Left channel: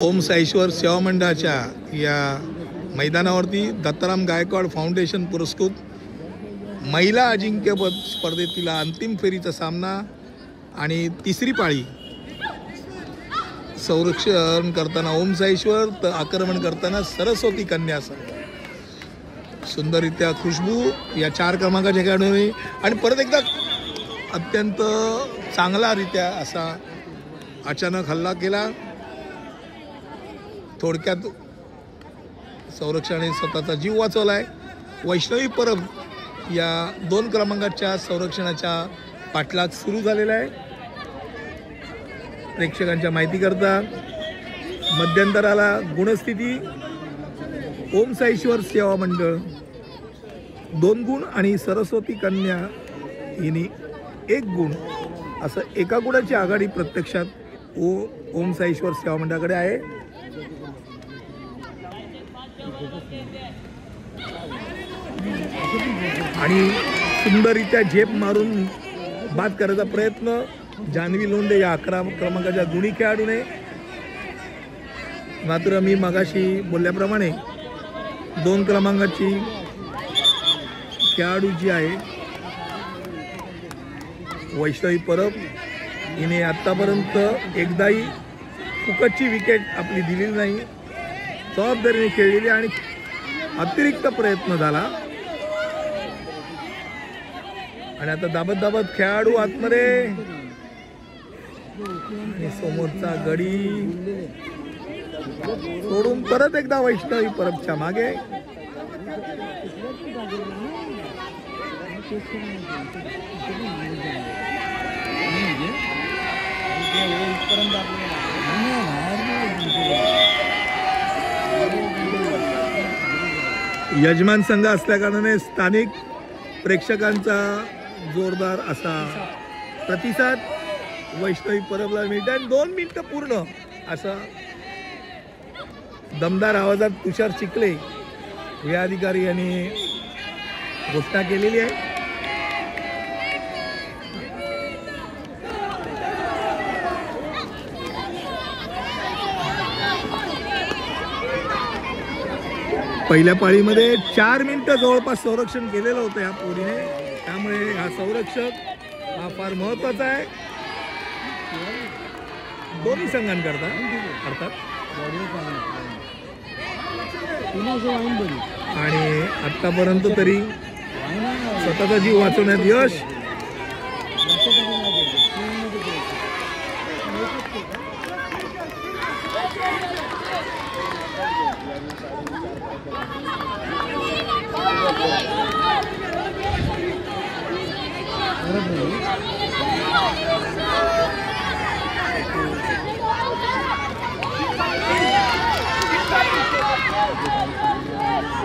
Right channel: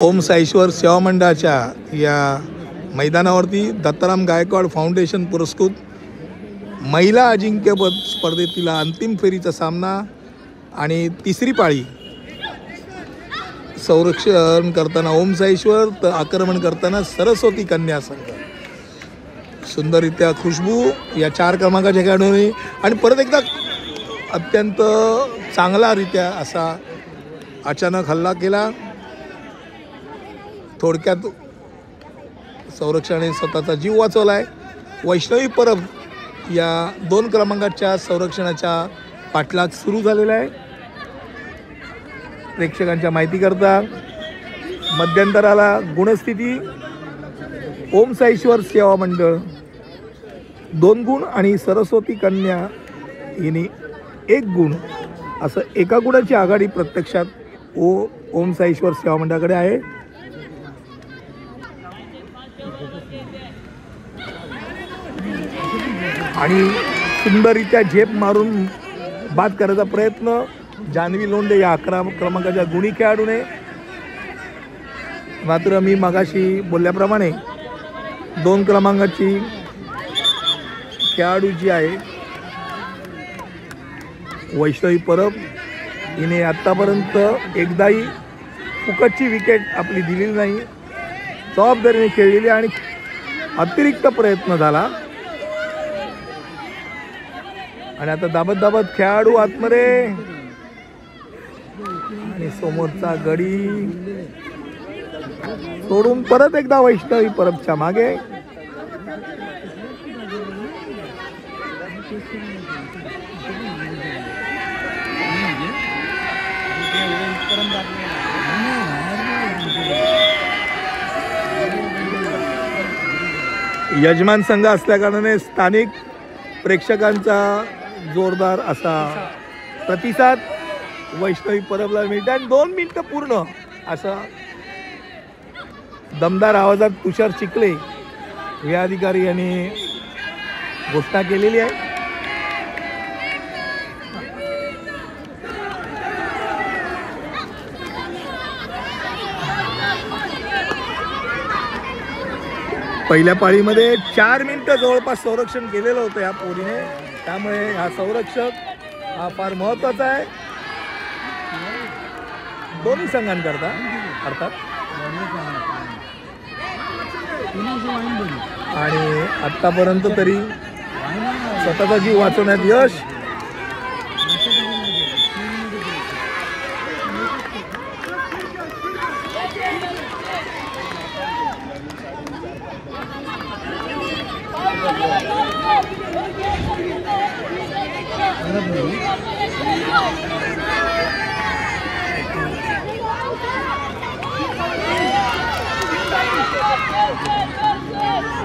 ओम साईश्वर सेवा मंडळाच्या या मैदानावरती दत्ताराम गायकवाड फाउंडेशन पुरस्कृत महिला अजिंक्यपद स्पर्धेतील अंतिम फेरीचा सामना आणि तिसरी पाळी संरक्षण करताना ओम साईश्वर तर आक्रमण करताना सरस्वती कन्या संघ। सुंदररित्या खुशबू या 4 क्रमांकाच्या खेळाडूंनी आणि परत एकदा अत्यंत चांगलारित्या असा अचानक हल्ला केला। थोडक्यात संरक्षणाने स्वतःचा जीव वाचवलाय। वैष्णवी परब या 2 क्रमांकाच्या संरक्षणाचा पाठलाग सुरू झालेला आहे। प्रेक्षकांच्या माहिती करता मध्यंतराला गुणस्थिती ओम साईश्वर सेवा मंडळ 2 गुण आणि सरस्वती कन्या हिने 1 गुण असं एका गुणाची आघाडी प्रत्यक्षात ओम साईश्वर सेवा मंडळाकडे आहे। आणि सुंदररित्या झेप मारून बाद करायचा प्रयत्न जान्हवी लोंढे या 11 क्रमांकाच्या गुणी खेळाडूने। मात्र मी मगाशी बोलल्याप्रमाणे 2 क्रमांकाची खेळाडू जी आहे वैष्णवी परब हिने आतापर्यंत एकदाही फुकटची विकेट आपली दिलेली नाही, जबाबदारीने खेळलेली आणि अतिरिक्त प्रयत्न झाला। आणि आता दाबत खेळाडू आतमध्ये आणि समोरचा गडी सोडून परत एकदा वैष्णवी परबच्या मागे। यजमान संघ असल्याकारणाने स्थानिक प्रेक्षकांचा जोरदार असा प्रतिसाद वैष्णवी परबला मिळते आणि 2 मिनिटं पूर्ण असा दमदार आवाजात तुषार चिखले हे अधिकारी यांनी घोषणा केलेली आहे। पहिल्या पाळीमध्ये 4 मिनिटं जवळपास संरक्षण केलेलं होतं या पोरीने, त्यामुळे हा संरक्षक हा फार महत्त्वाचा आहे दोन्ही संघांकरता अर्थात। आणि आतापर्यंत तरी स्वतःचा जीव वाचवण्यात यश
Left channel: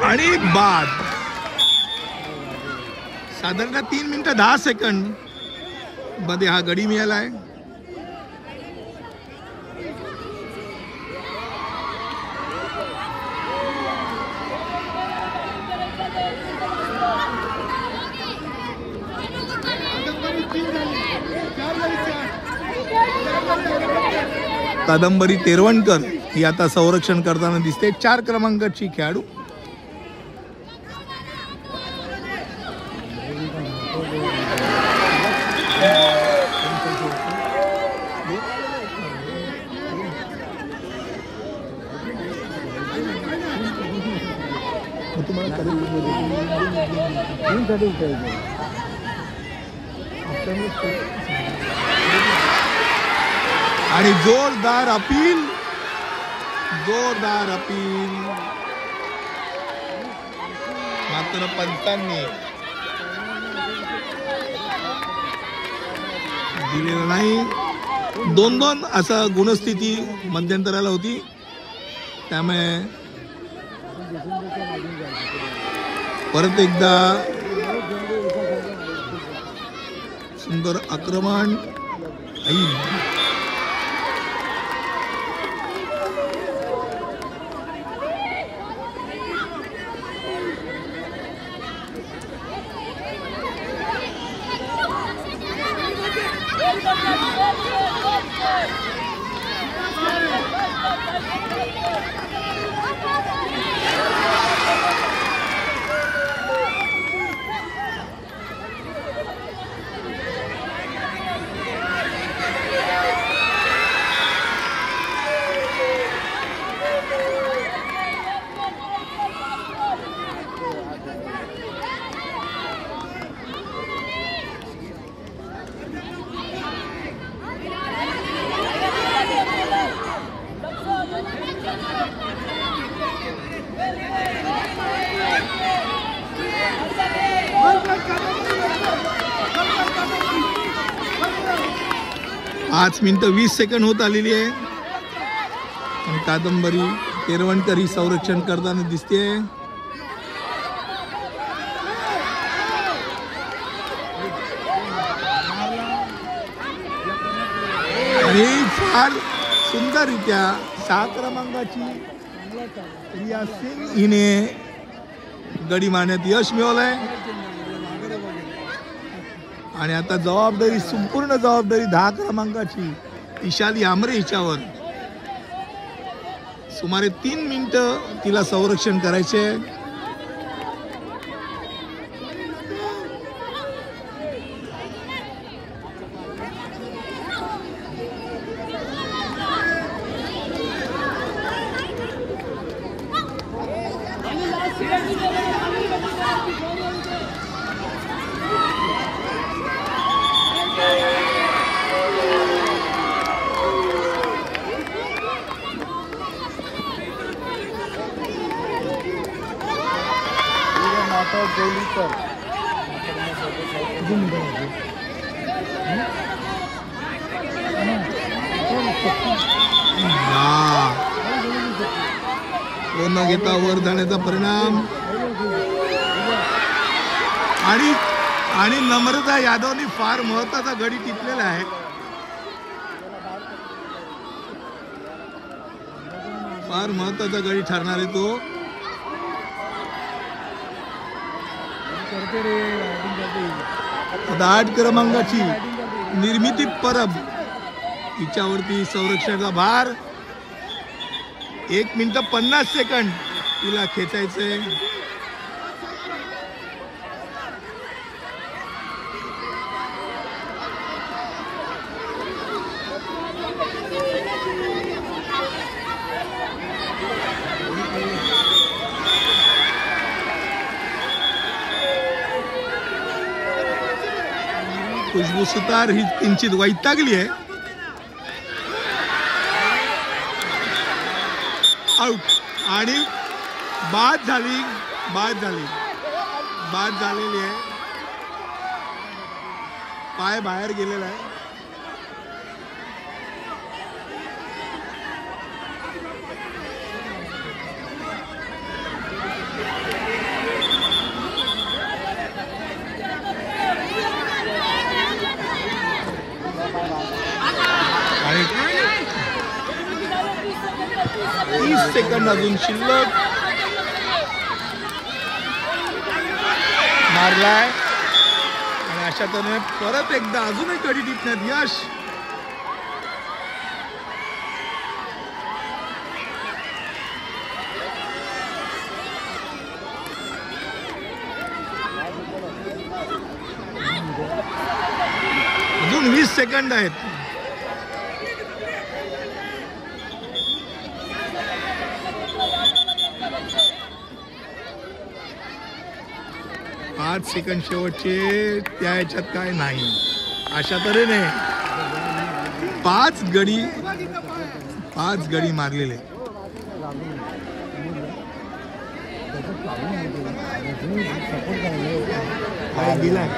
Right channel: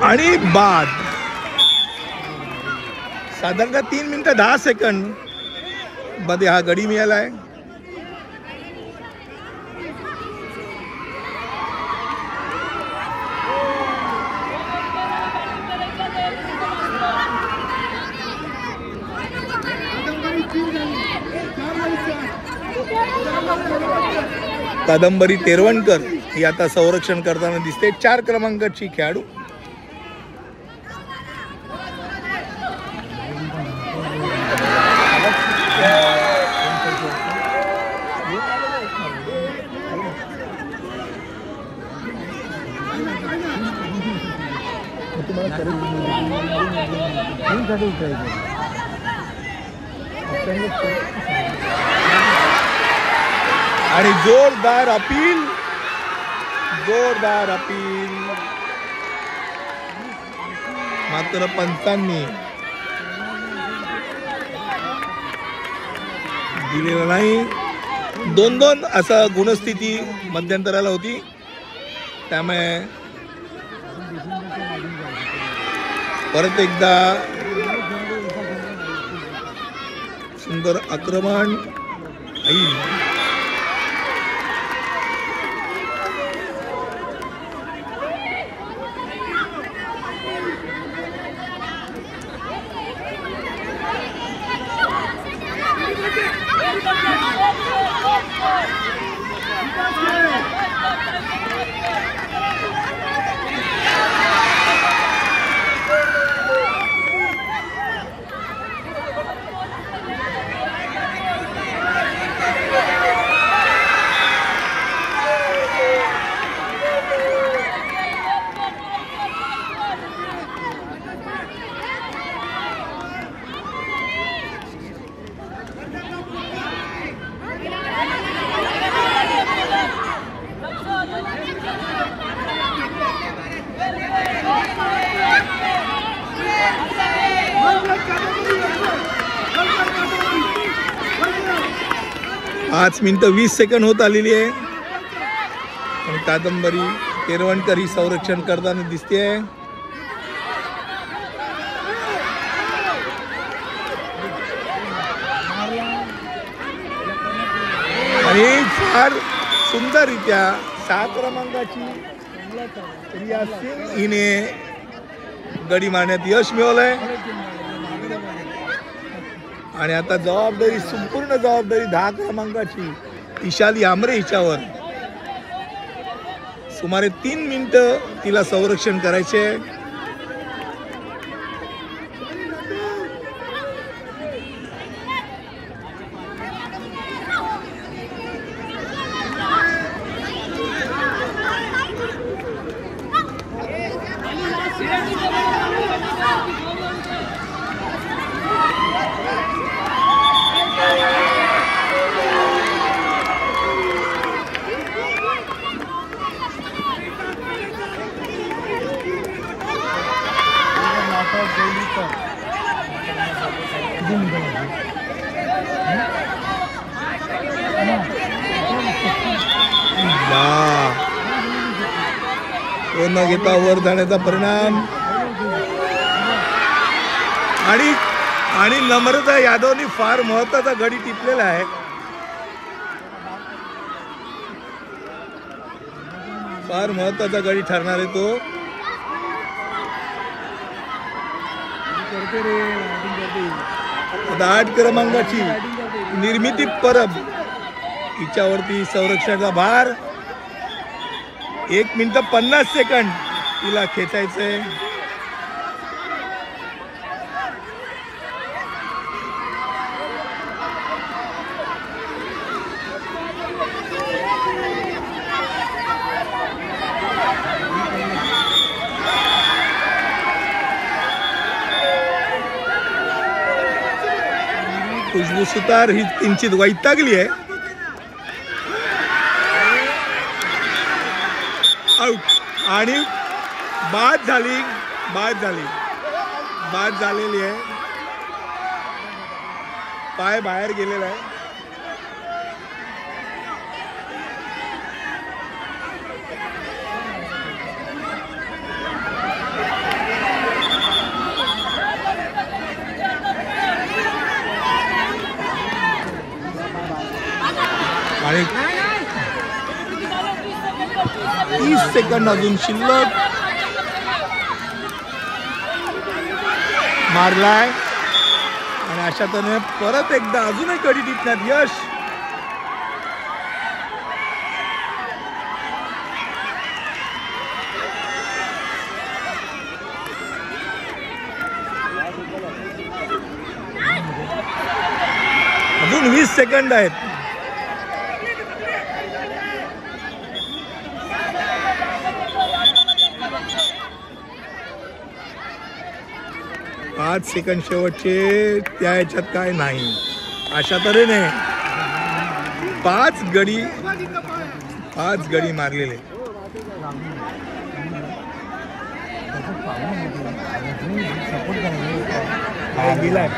आणि बाद साधारणतः 3 मिनिटं 10 सेकंड मध्ये हा गडी मिळाला आहे। कादंबरी तेरवणकर ही आता संरक्षण करताना दिसते, 4 क्रमांकाची खेळाडू। आणि जोरदार अपील मात्र पंचांनी दिलेला नाही। 2-2 असा गुणस्थिती मध्यंतराला होती, त्यामुळे परत एकदा सुंदर आक्रमण 5 मिनिटं 20 सेकंड होत आलेली आहे आणि कादंबरी केरवणकर ही संरक्षण करताना दिसते. आणि फार सुंदररित्या 6 क्रमांकाची रिया सिंग हिने गडी मारण्यात यश मिळवलंय. आणि आता जबाबदारी, संपूर्ण जबाबदारी 10 क्रमांकाची इशाली आमरे हिच्यावर. सुमारे 3 मिनिटं तिला संरक्षण करायचे. न घेता वर जाण्याचा परिणाम. आणि नम्रता यादवनी फार महत्वाचा गडी टिपलेला आहे. फार महत्वाचा गडी ठरणार आहे तो. आता 8 क्रमांकाची निर्मिती परब हिच्यावरती संरक्षणाचा भार. 1 मिनिट 50 सेकंड तिला खेचायचंय. खुशबू सुतार ही किंचित वैतागली आहे. आउट. आणि बाद झालेली आहे. पाय बाहेर गेलेला आहे. आणि 30 सेकंड अजून शिल्लक. मारलाय आणि अशा तऱ्हेने परत एकदा अजूनही गडी टिपण्यात यश. अजून 20 सेकंड आहेत. पाच सेकंड शेवटचे. त्या ह्याच्यात काय नाही. अशा तऱ्हेने 5 गडी मारलेले. गेलाय